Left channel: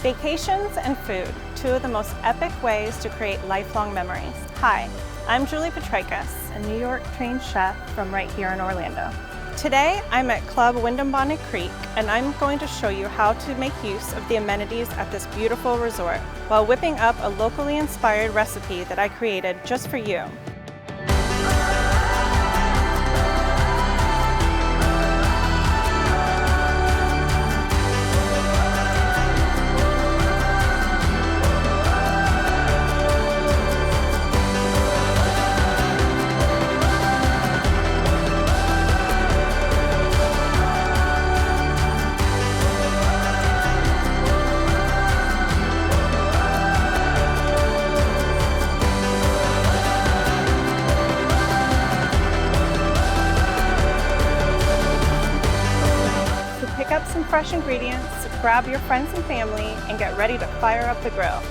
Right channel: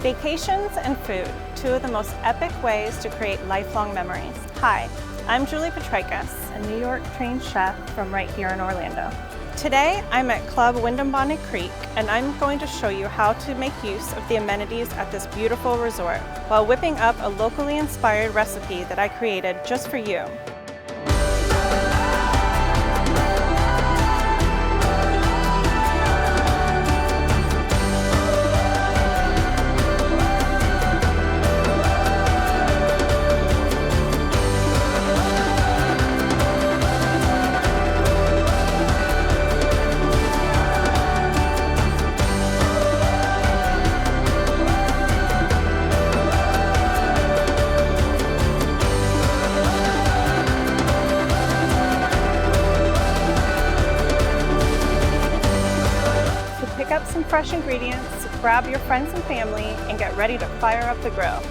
Vacations and food, two of the most epic ways to create lifelong memories. Hi, I'm Julie Petrakis, a New York trained chef from right here in Orlando. Today, I'm at Club Wyndham Bonnet Creek, and I'm going to show you how to make use of the amenities at this beautiful resort while whipping up a locally inspired recipe that I created just for you. Pick up some fresh ingredients, grab your friends and family, and get ready to fire up the grill.